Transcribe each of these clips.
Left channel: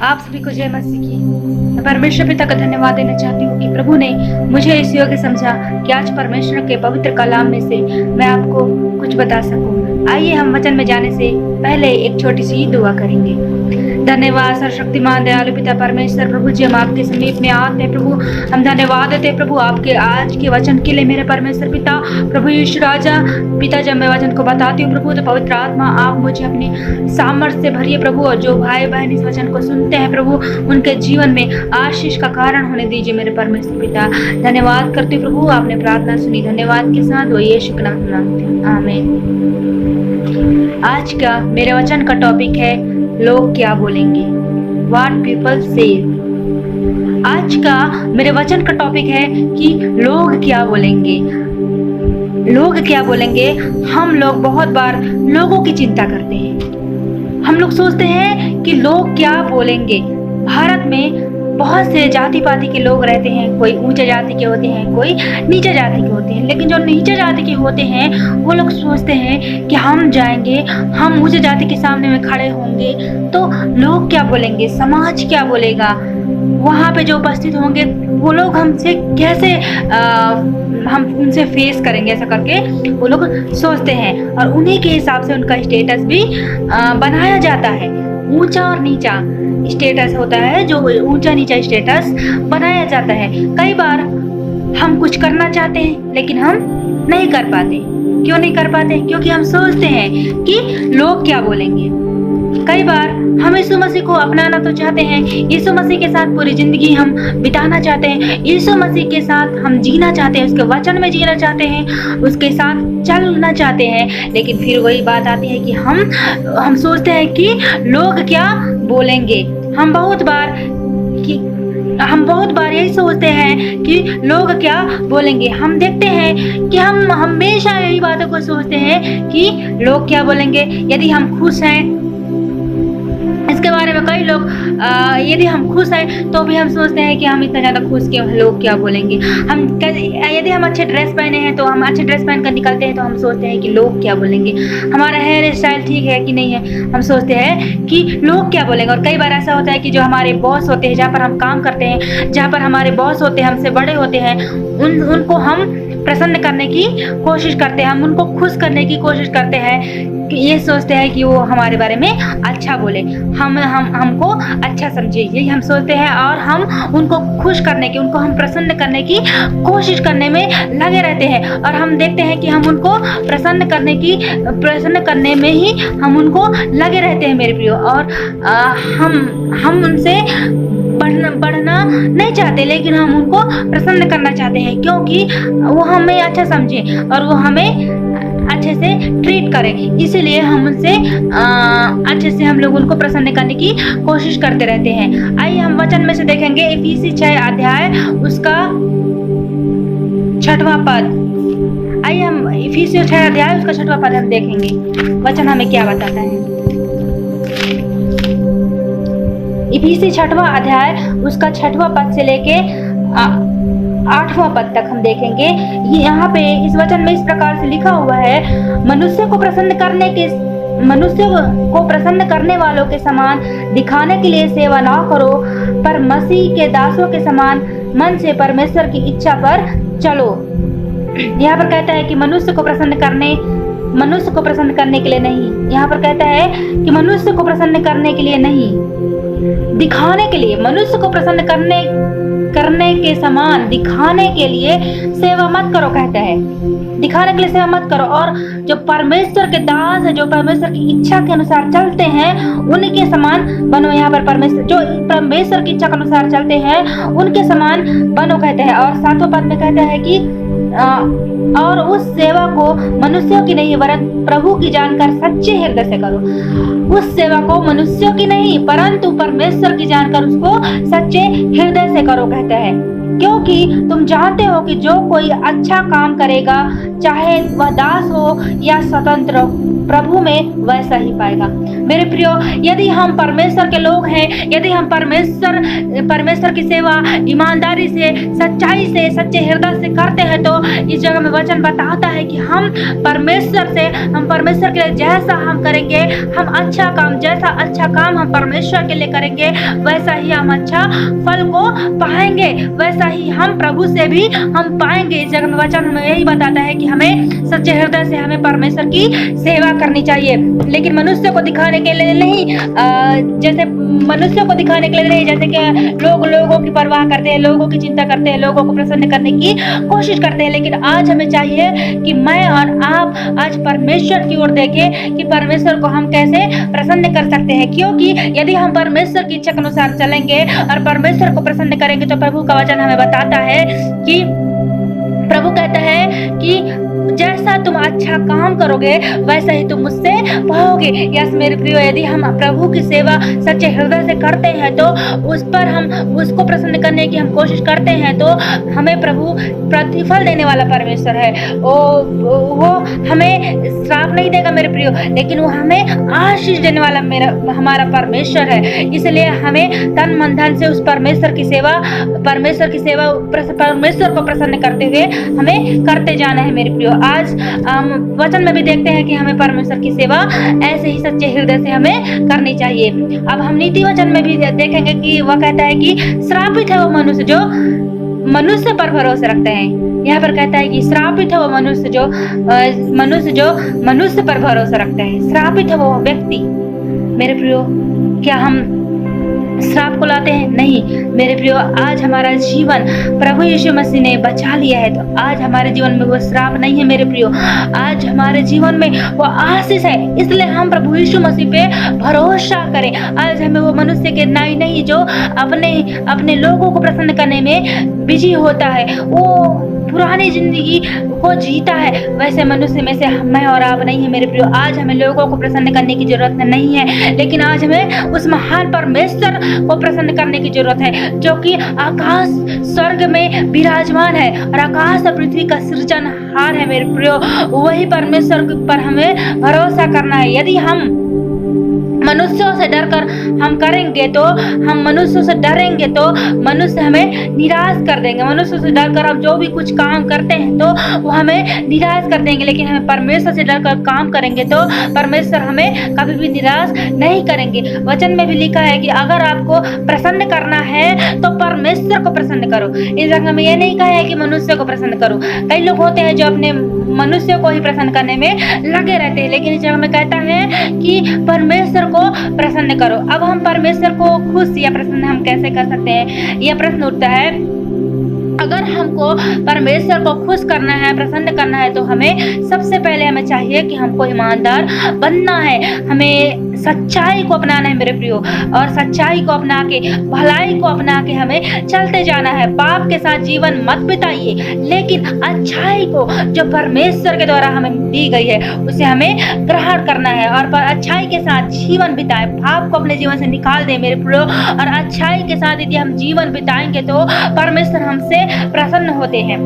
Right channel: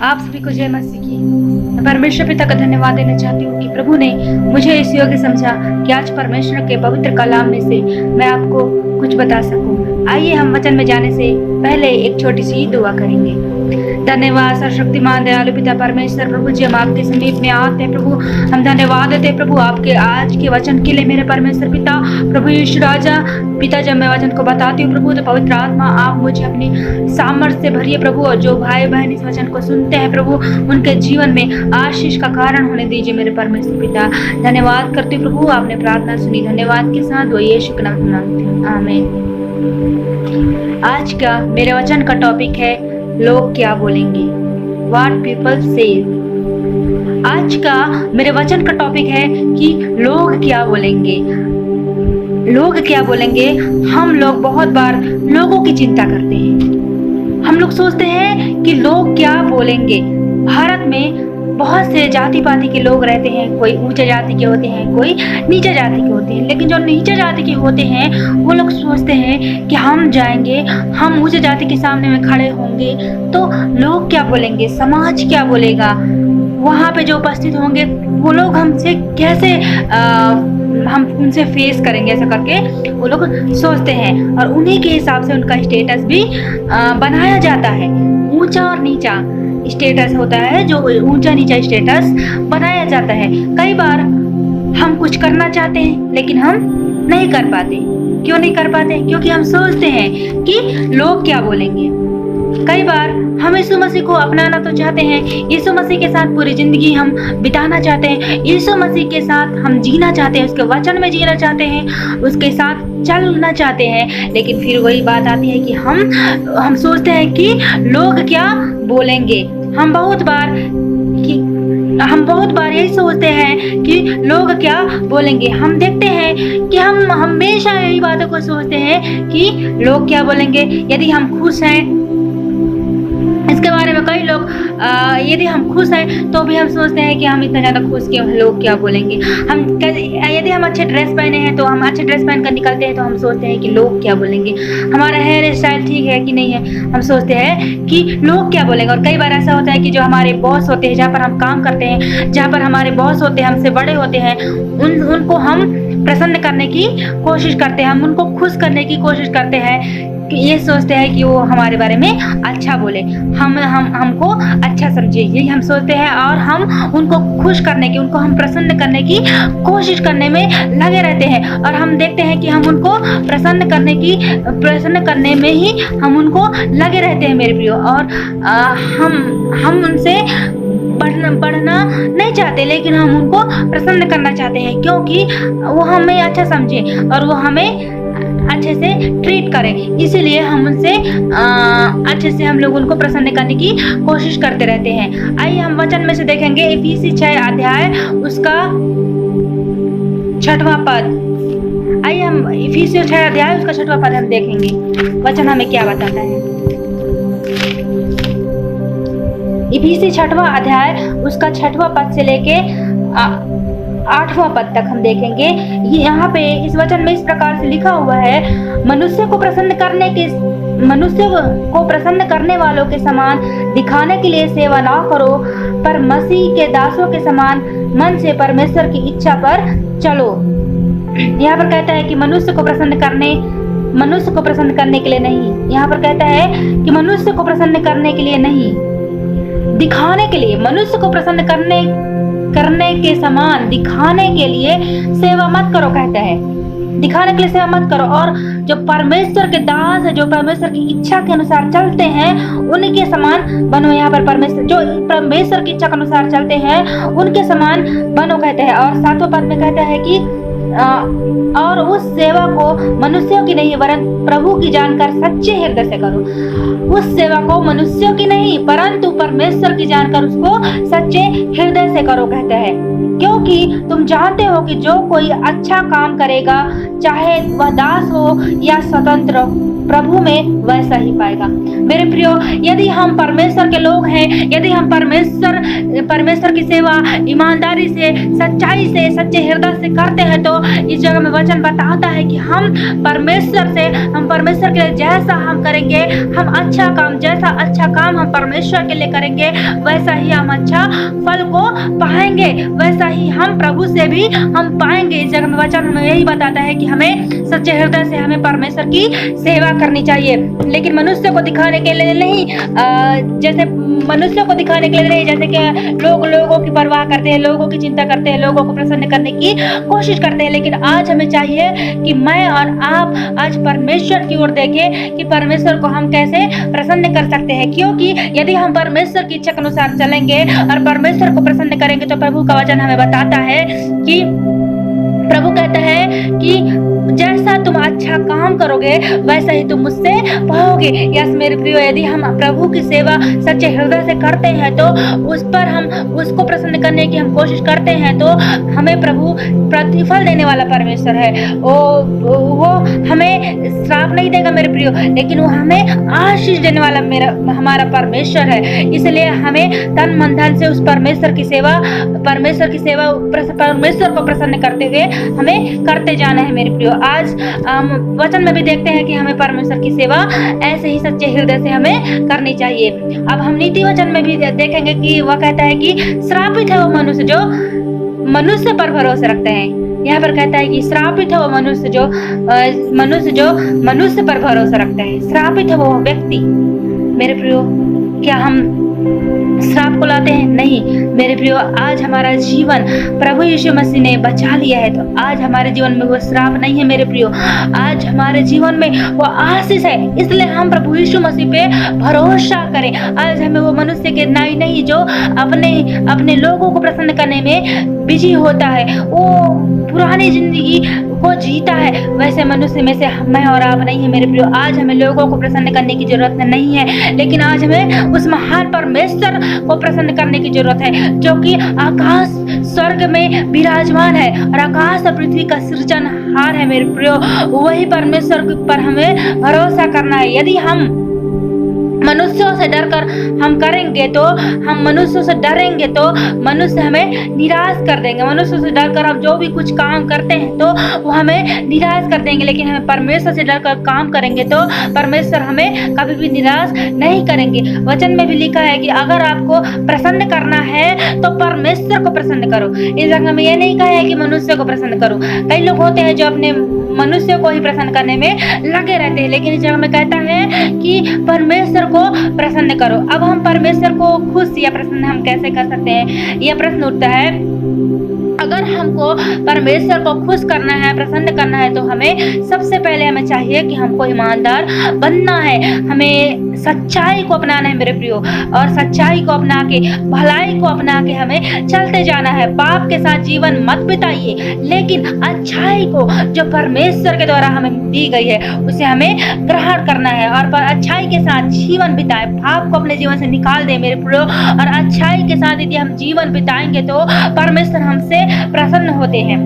आप सभी को जय मसीह की। मैं परमेश्वर पिता का धन्यवाद देना चाहती हूँ कि प्रभु ने मुझे इस योग्य समझा कि आज परमेश्वर के पवित्र कलाम में से मैं आपको कुछ बता सकूं। आइए हम वचन में जाने से पहले एक छोटी सी दुआ करेंगे। धन्यवाद सर्वशक्तिमान दयालु पिता परमेश्वर, प्रभु जी हम आपके समीप में आते हैं। प्रभु हम धन्यवाद देते हैं प्रभु आपके आज के वचन के लिए मेरे परमेश्वर पिता। प्रभु यीशु राजा पिता, जब मैं वचन को बताती हूँ प्रभु तो पवित्र आत्मा आप मुझे अपनी सामर्थ्य से भरिए प्रभु, और जो भाई बहन इस वचन को सुनते हैं प्रभु उनके जीवन में आशीष का कारण होने दीजिए मेरे परमेश्वर पिता। धन्यवाद करती हूँ प्रभु, आपने प्रार्थना सुनी। धन्यवाद के साथ वो यीशु के नाम में मांगते हैं, आमीन। आज का मेरे वचन का टॉपिक है लोग क्या बोलेंगे, What people say। आज का मेरे वचन का टॉपिक है कि लोग क्या बोलेंगे। लोग क्या बोलेंगे। हम लोग बहुत बार लोगों की चिंता करते हैं। हम लोग सोचते हैं कि लोग क्या बोलेंगे। भारत में बहुत से जाति पाति के लोग रहते हैं। कोई ऊंचे जाति के होते हैं, कोई नीचे जाति के होते हैं। लेकिन जो नीचे जाति के होते हैं वो लोग सोचते हैं कि हम जाएंगे, हम ऊंचे जाति के सामने में खड़े होंगे तो लोग क्या बोलेंगे, समाज क्या बोलेगा, वहाँ पे जो उपस्थित होंगे वो लोग हमसे कैसे हम उनसे फेस करेंगे, ऐसा करके वो लोग सोचते हैं। और उन्हीं के हिसाब से उनका स्टेटस भी बनाया जाता है। ऊंचा और नीचा स्टेटस होता है, जो ऊंचा नीचा स्टेटस बनाया जाता है। कई बार हम कुछ करना चाहते हैं लेकिन हम नहीं कर पाते। क्यों नहीं कर पाते? क्योंकि हम सोचते हैं कि लोग क्या बोलेंगे। कई बार हम यीशु मसीह को अपनाना तो चाहते हैं, यीशु मसीह के साथ पूरी जिंदगी हम बिताना चाहते हैं, यीशु मसीह के साथ हम जीना चाहते हैं, उसके वचन में जीना चाहते हैं, उसके साथ चलना चाहते हैं। लेकिन फिर वही बात आती है कि हम सोचते हैं कि लोग क्या बोलेंगे। हम बहुत बार यही सोचते हैं कि लोग क्या बोलेंगे। हम देखते हैं कि हम हमेशा यही बातों को सोचते हैं कि लोग क्या बोलेंगे। यदि हम खुश हैं, इसके बारे में कई लोग यदि हम खुश हैं तो भी हम सोचते हैं कि हम इतना ज़्यादा खुश क्यों, लोग क्या बोलेंगे। यदि हम अच्छे ड्रेस पहने हैं तो हम अच्छे ड्रेस पहन कर निकलते हैं तो हम सोचते हैं कि लोग क्या बोलेंगे। हमारा हेयर स्टाइल ठीक है कि नहीं है, हम सोचते हैं कि लोग क्या बोलेंगे। और कई बार ऐसा होता है कि जो हमारे बॉस होते हैं, जहाँ पर हम काम करते हैं, जहाँ पर हमारे बॉस होते हैं, हमसे बड़े होते हैं, उनको हम प्रसन्न करने की कोशिश करते हैं, हम उनको खुश करने की कोशिश करते हैं। ये सोचते हैं कि वो हमारे बारे में अच्छा बोले, हमको अच्छा समझे, यही हम सोचते हैं। और हम उनको खुश करने की, उनको हम प्रसन्न करने की कोशिश करने में लगे रहते हैं। और हम देखते हैं कि हम उनको प्रसन्न करने में ही हम उनको लगे रहते हैं मेरे प्रियो। और हम उनसे बढ़ना नहीं चाहते, लेकिन हम उनको प्रसन्न करना चाहते हैं क्योंकि वो हमें अच्छा समझे और वो हमें अच्छे से ट्रीट करें। इसीलिए हम उनसे अच्छे से हम लोग उनको प्रसन्न करने की कोशिश करते रहते हैं। आइए हम वचन में से देखेंगे इफिसी 6 अध्याय उसका 6वां पद। आइए हम इफिसी 6 अध्याय उसका 6वां पद हम देखेंगे वचन हमें क्या बताता है। इफिसी 6वां अध्याय उसका 6वां पद से लेके 8वां पद तक हम देखेंगे। यहाँ पे इस वचन में इस प्रकार से लिखा हुआ है, मनुष्य को प्रसन्न करने वालों के समान दिखाने के लिए सेवा ना करो, पर मसीह के दासों के समान मन से परमेश्वर की इच्छा पर चलो। यहाँ पर कहता है कि मनुष्य को प्रसन्न करने के लिए नहीं। यहाँ पर कहता है कि मनुष्य को प्रसन्न करने के लिए नहीं, दिखाने के लिए। मनुष्य को प्रसन्न करने के समान दिखाने के लिए सेवा मत करो, कहता है। दिखाने के लिए सेवा मत करो। और जो परमेश्वर के दास है, जो परमेश्वर की इच्छा के अनुसार चलते हैं, उनके समान बनो। यहाँ पर जो परमेश्वर की इच्छा के अनुसार चलते हैं उनके समान बनो, कहते हैं। और 7वें पद में कहता है कि और उस सेवा को मनुष्यों की नहीं वरन प्रभु की जानकर सच्चे हृदय से करो। उस सेवा को मनुष्यों की नहीं परंतु परमेश्वर की जानकर उसको सच्चे हृदय से करो, कहता है। क्योंकि तुम जानते हो कि जो कोई अच्छा काम करेगा, चाहे वह दास हो या स्वतंत्र, प्रभु में वैसा ही पाएगा। मेरे प्रियो, यदि हम परमेश्वर के लोग हैं, यदि हम परमेश्वर की सेवा ईमानदारी से, सच्चाई से, सच्चे हृदय से करते हैं तो इस जगह में वचन बताता है कि हम परमेश्वर के लिए जैसा हम करेंगे, हम अच्छा काम, जैसा अच्छा काम हम परमेश्वर के लिए करेंगे, वैसा ही हम अच्छा फल को पाएंगे, वैसा ही हम प्रभु से भी हम पाएंगे। इस जगह में वचन हमें यही बताता है कि हमें सच्चे हृदय से हमें परमेश्वर की सेवा करनी चाहिए, लेकिन मनुष्य को दिखाने के लिए नहीं, जैसे मनुष्यों को दिखाने के लिए नहीं, जैसे कि लोगों की परवाह करते हैं, लोगों की चिंता करते हैं, लोगों को प्रसन्न करने की कोशिश करते हैं। लेकिन आज हमें चाहिए कि मैं और आप आज परमेश्वर की ओर देखें कि परमेश्वर को हम कैसे प्रसन्न कर सकते हैं, क्योंकि यदि हम परमेश्वर की इच्छा के अनुसार चलेंगे और परमेश्वर को प्रसन्न करेंगे तो प्रभु का वचन हमें बताता है कि प्रभु कहता है कि जैसा तुम अच्छा काम करोगे वैसा ही तुम मुझसे पाओगे। यस मेरे प्रियो, यदि हम प्रभु की सेवा सच्चे हृदय से करते हैं तो उस पर हम उसको प्रसन्न करने की हम कोशिश करते हैं तो हमें प्रभु प्रतिफल देने वाला परमेश्वर है। वो हमें श्राप नहीं देगा मेरे प्रियो, लेकिन वो हमें आशीष देने वाला हमारा परमेश्वर है। इसलिए हमें तन मन धन से उस परमेश्वर को प्रसन्न करते हुए हमें करते जाना है मेरे प्रियो। आज वचन में भी देखते हैं कि हमें परमेश्वर की सेवा ऐसे ही सच्चे हृदय से हमें करनी चाहिए। अब हम नीति वचन में भी देखेंगे कि वह कहता है कि श्रापित है वो मनुष्य जो मनुष्य पर भरोसा रखते हैं। यहाँ पर कहता है कि श्रापित है वो मनुष्य जो मनुष्य पर भरोसा रखते हैं। श्रापित है वो व्यक्ति। मेरे प्रियो, क्या हम श्राप को लाते हैं? नहीं मेरे प्रियो, आज हमारा जीवन प्रभु यीशु मसीह ने बचा लिया है तो आज हमारे जीवन में वो श्राप नहीं है मेरे प्रियो, आज हमारे जीवन में वो आशीष है। इसलिए हम प्रभु यीशु मसीह पे भरोसा करें। आज हमें वो मनुष्य के नहीं जो अपने लोगों को प्रसन्न करने में बिजी होता है, वो पुरानी जिंदगी को जीता है, वैसे मनुष्य में से मैं और आप नहीं है मेरे प्रियो। आज हमें लोगों को प्रसन्न करने की जरूरत नहीं है, लेकिन आज हमें उस महान परमेश्वर को प्रसन्न करने की जरूरत है जो कि आकाश स्वर्ग में विराजमान है और आकाश और पृथ्वी का सृजनहार है मेरे प्रियो। वही परमेश्वर पर हमें भरोसा करना है। यदि हम मनुष्यों से डरकर हम करेंगे तो मनुष्यों से डरेंगे तो मनुष्य हमें निराश कर देंगे। मनुष्यों से डरकर हम जो भी कुछ काम करते हैं तो वो हमें निराश कर देंगे, लेकिन हमें परमेश्वर से डरकर काम करेंगे तो परमेश्वर हमें कभी भी निराश नहीं करेंगे। वचन में भी लिखा है कि अगर आपको प्रसन्न करना है तो परमेश्वर को प्रसन्न करो। इस जगह में ये नहीं कहा है कि मनुष्य को प्रसन्न करो। कई लोग होते हैं जो अपने मनुष्य को ही प्रसन्न करने में लगे रहते हैं, लेकिन इस जगह में कहता है कि परमेश्वर को प्रसन्न करो। अब हम परमेश्वर को खुश या प्रसन्न हम कैसे कर सकते हैं, यह प्रश्न उठता है। अगर हमको परमेश्वर को खुश करना है, प्रसन्न करना है तो हमें सबसे पहले हमें चाहिए कि हमको ईमानदार बनना है, हमें सच्चाई को अपनाना है मेरे प्रियो, और सच्चाई को अपना के, भलाई को अपना के हमें चलते जाना है। पाप के साथ जीवन मत बिताइए, लेकिन अच्छाई को जो परमेश्वर के द्वारा हमें दी गई है उसे हमें ग्रहण करना है और अच्छाई के साथ जीवन बिताए। पाप को अपने जीवन से निकाल दे मेरे प्रियो, और अच्छाई के साथ यदि हम जीवन बिताएंगे तो परमेश्वर हमसे प्रसन्न होते हैं।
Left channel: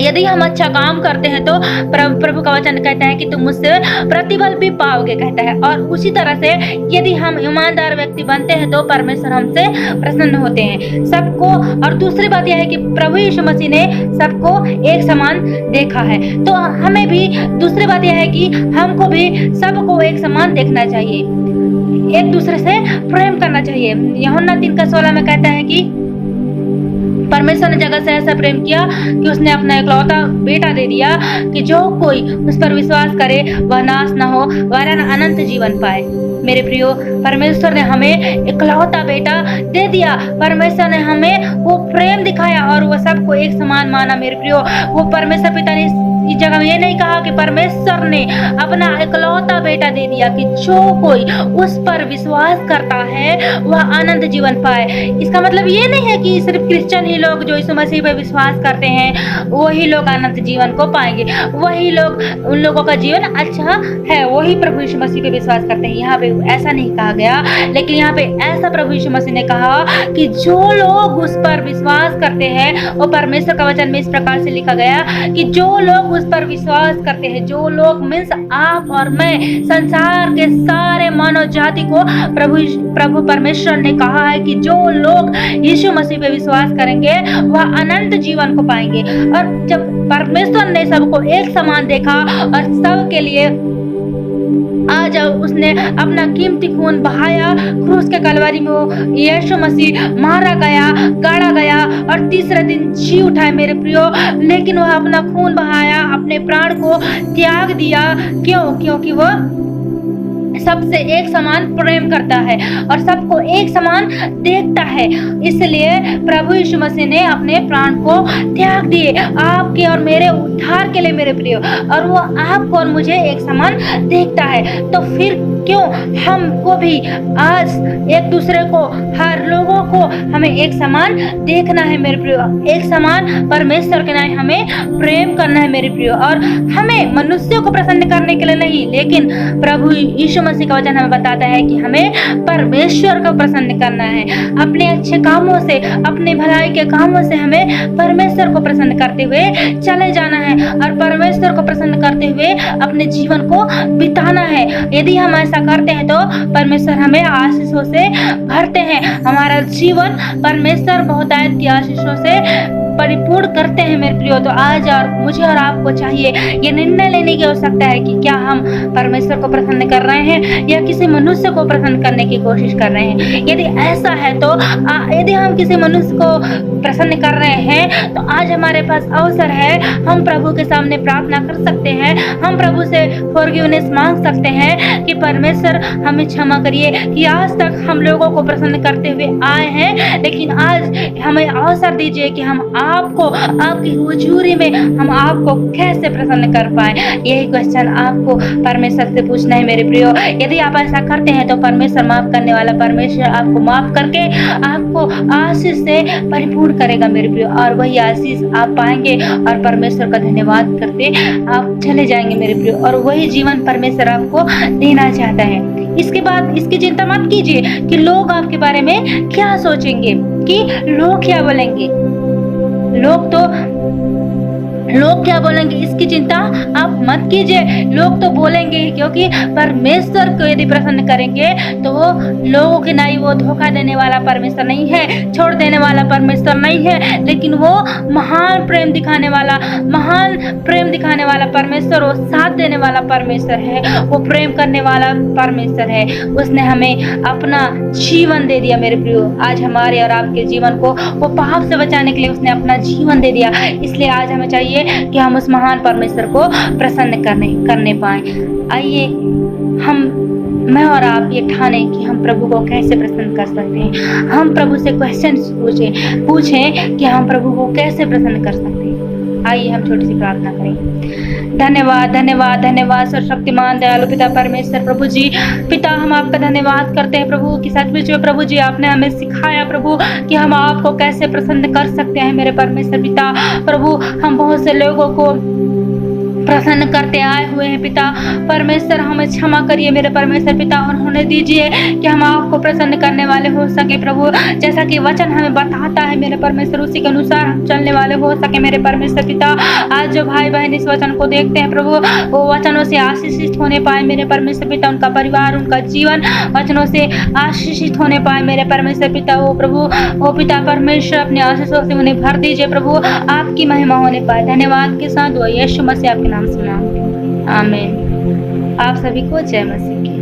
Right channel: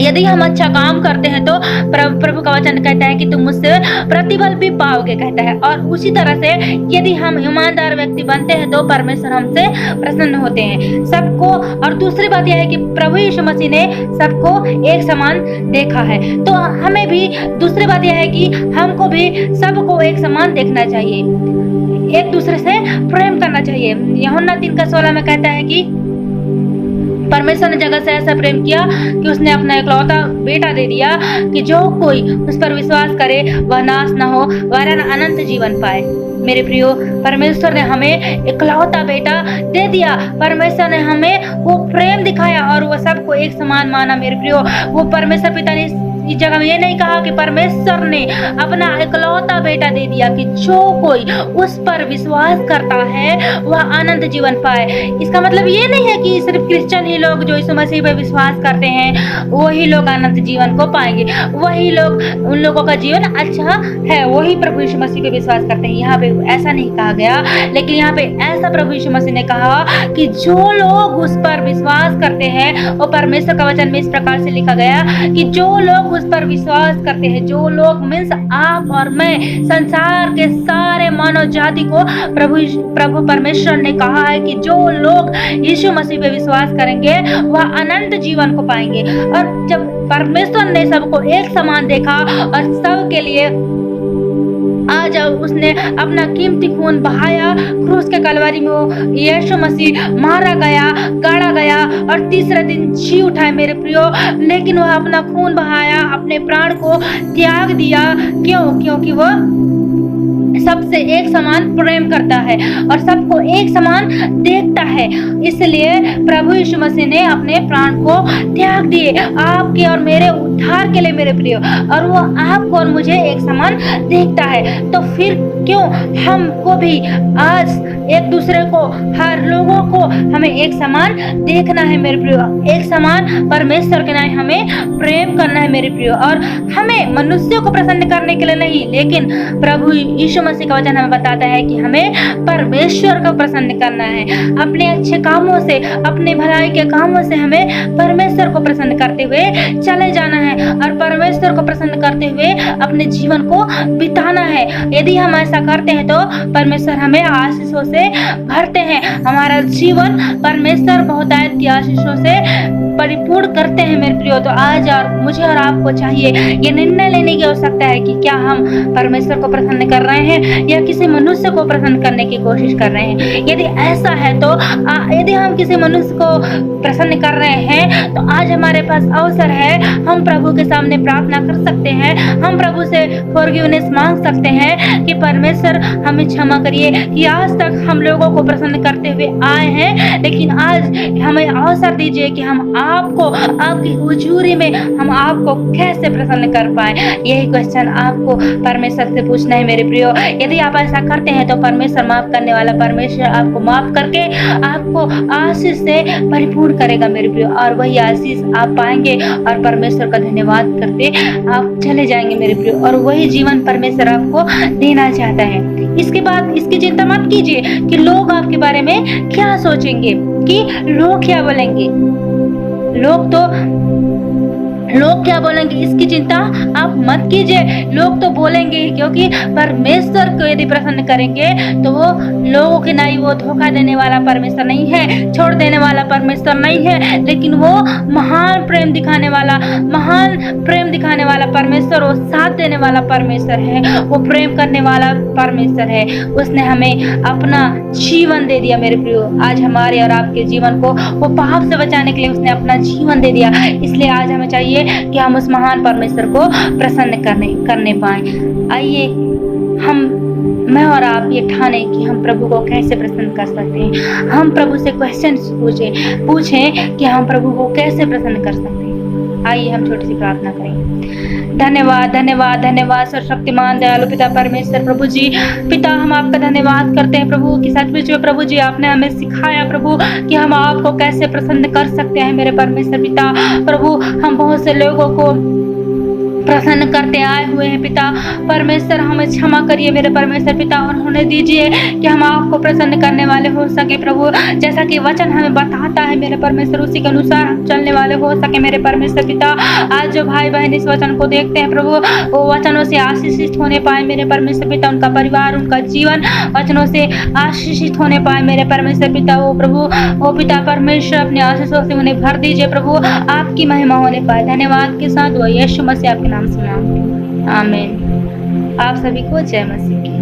यदि हम अच्छा काम करते हैं तो प्रभु का वचन कहता है कि तुम मुझसे प्रतिफल भी पाओगे, कहता है। और उसी तरह से यदि हम ईमानदार व्यक्ति बनते हैं तो परमेश्वर हमसे प्रसन्न होते हैं सबको। और दूसरी बात यह है कि प्रभु यीशु मसीह ने सबको एक समान देखा है, तो हमें भी दूसरी बात यह है कि हमको भी सबको एक समान देखना चाहिए, एक दूसरे से प्रेम करना चाहिए। यूहन्ना 3:16 में कहता है कि परमेश्वर ने जगत से ऐसा प्रेम किया कि उसने अपना इकलौता बेटा दे दिया कि जो कोई उस पर विश्वास करे वह नाश न हो वरन अनंत जीवन पाए। मेरे प्रियो, परमेश्वर ने हमें इकलौता बेटा दे दिया। परमेश्वर ने हमें वो प्रेम दिखाया और वो सबको एक समान माना। मेरे प्रियो, वो परमेश्वर पिता ने इस जगह में ये नहीं कहा कि परमेश्वर ने अपना इकलौता बेटा दे दिया कि जो कोई उस पर विश्वास करता है वह अनंत जीवन पाए। इसका मतलब ये नहीं है कि सिर्फ क्रिश्चियन ही लोग जो यीशु मसीह पे विश्वास करते हैं वही लोग अनंत जीवन को पाएंगे, वही लोग, उन लोगों का जीवन अच्छा है, वही प्रभु यीशु मसीह पे विश्वास करते हैं। यहाँ पे ऐसा नहीं कहा गया, लेकिन यहाँ पे ऐसा प्रभु यीशु मसीह ने कहा कि जो लोग उस पर विश्वास करते हैं, और परमेश्वर का वचन में इस प्रकार से लिखा गया कि जो लोग उस पर विश्वास करते हैं, जो लोग मीन्स आप और मैं, संसार के सारे मानव जाति को प्रभु परमेश्वर ने कहा है कि जो लोग यीशु मसीह पे विश्वास करेंगे वह अनंत जीवन को पाएंगे। और जब परमेश्वर ने सबको एक समान देखा और सबके लिए आज उसने अपना कीमती खून बहाया, क्रूस के कलवरी में वो यीशु मसीह मारा गया, गाड़ा गया और तीसरे दिन जी उठा है मेरे प्रियो। लेकिन वह अपना खून बहाया, अपने प्राण को त्याग दिया। क्यों? क्योंकि वह सबसे एक समान प्रेम करता है और सबको एक समान देखता है। इसलिए प्रभु यीशु मसीह ने अपने प्राण को त्याग दिए आपके और मेरे उद्धार के लिए मेरे प्रियो, और वो आपको और मुझे एक समान देखता है। तो फिर क्यों हमको भी आज एक दूसरे को, हर लोगों को हमें एक समान देखना है मेरे प्रियो, एक समान परमेश्वर के नाम हमें प्रेम करना है मेरे प्रियो। और हमें मनुष्यों को प्रसन्न करने के लिए नहीं, लेकिन प्रभु यीशु मसीह का वचन हमें बताता है कि हमें परमेश्वर को प्रसन्न करना है। अपने अच्छे कामों से, अपने भलाई के कामों से हमें परमेश्वर को प्रसन्न करते हुए चले जाना है और परमेश्वर को प्रसन्न करते हुए अपने जीवन को बिताना है। यदि हम ऐसा करते हैं तो परमेश्वर हमें आशीषों से भरते हैं, हमारा जीवन परमेश्वर बहुतायत की आशीषों से परिपूर्ण करते हैं मेरे प्रियो। तो आज और मुझे और आपको चाहिए ये निर्णय लेने की आवश्यकता है कि क्या हम परमेश्वर को प्रसन्न कर रहे हैं या किसी मनुष्य को प्रसन्न करने की कोशिश कर रहे हैं। यदि ऐसा है तो यदि हम किसी मनुष्य को प्रसन्न कर रहे हैं तो आज हमारे पास अवसर है, हम प्रभु के सामने प्रार्थना कर सकते हैं, हम प्रभु से फॉरगिवनेस मांग सकते हैं कि परमेश्वर हमें क्षमा करिए कि आज तक हम लोगों को प्रसन्न करते हुए आए हैं, लेकिन आज हमें अवसर दीजिए कि हम आपको, आपकी हुजूरी में हम आपको कैसे प्रसन्न कर पाए। यही क्वेश्चन आपको परमेश्वर से पूछना है मेरे प्रियो। यदि आप ऐसा करते हैं तो परमेश्वर माफ करने वाला परमेश्वर आपको माफ करके आपको आशीष से परिपूर्ण करेगा मेरे प्रियो, और वही आशीष आप पाएंगे और परमेश्वर का धन्यवाद करते आप चले जाएंगे मेरे प्रियो। और वही जीवन परमेश्वर आपको देना चाहता है। इसके बाद इसकी चिंता मत कीजिए कि लोग आपके बारे में क्या सोचेंगे, कि लोग क्या बोलेंगे, लोग क्या बोलेंगे, इसकी चिंता आप मत कीजिए। लोग तो बोलेंगे ही, क्योंकि परमेश्वर को यदि प्रसन्न करेंगे तो वो लोगों की नहीं, वो धोखा देने वाला परमेश्वर नहीं है, छोड़ देने वाला परमेश्वर नहीं है, लेकिन वो महान प्रेम दिखाने वाला परमेश्वर, वो साथ देने वाला परमेश्वर है, वो प्रेम करने वाला परमेश्वर है। उसने हमें अपना जीवन दे दिया मेरे प्रियो। आज हमारे और आपके जीवन को वो पाप से बचाने के लिए उसने अपना जीवन दे दिया। इसलिए आज हमें चाहिए कि हम उस महान परमेश्वर को प्रसन्न करने पाए। आइए मैं और आप ये ठाने कि हम प्रभु को कैसे प्रसन्न कर सकते हैं। हम प्रभु से क्वेश्चन पूछें कि हम प्रभु को कैसे प्रसन्न कर सकते हैं। आइए हम छोटी सी प्रार्थना करें। धन्यवाद धन्यवाद धन्यवाद सर्वशक्तिमान दयालु पिता परमेश्वर प्रभु जी, पिता हम आपका धन्यवाद करते हैं प्रभु कि सचमुच में प्रभु जी आपने हमें सिखाया प्रभु कि हम आपको कैसे प्रसन्न कर सकते हैं मेरे परमेश्वर पिता। प्रभु हम बहुत से लोगों को प्रसन्न करते आए हुए हैं पिता परमेश्वर, हमें क्षमा करिए मेरे परमेश्वर पिता, और होने दीजिए कि हम आपको प्रसन्न करने वाले हो सके प्रभु। जैसा कि वचन हमें बताता है मेरे परमेश्वर, उसी के अनुसार हम चलने वाले हो सके मेरे परमेश्वर पिता। आज जो भाई बहन इस वचन को देखते हैं प्रभु, वो वचनों से आशीषित होने पाए मेरे परमेश्वर पिता, उनका परिवार, उनका जीवन वचनों से आशीषित होने पाए मेरे परमेश्वर पिता। वो प्रभु, वो पिता परमेश्वर अपने आशीषों से उन्हें भर दीजिए प्रभु, आपकी महिमा होने पाए। धन्यवाद के साथ वो यीशु मसीह आपके नाम से मांगते हैं, आमीन। आप सभी को जय मसीह की।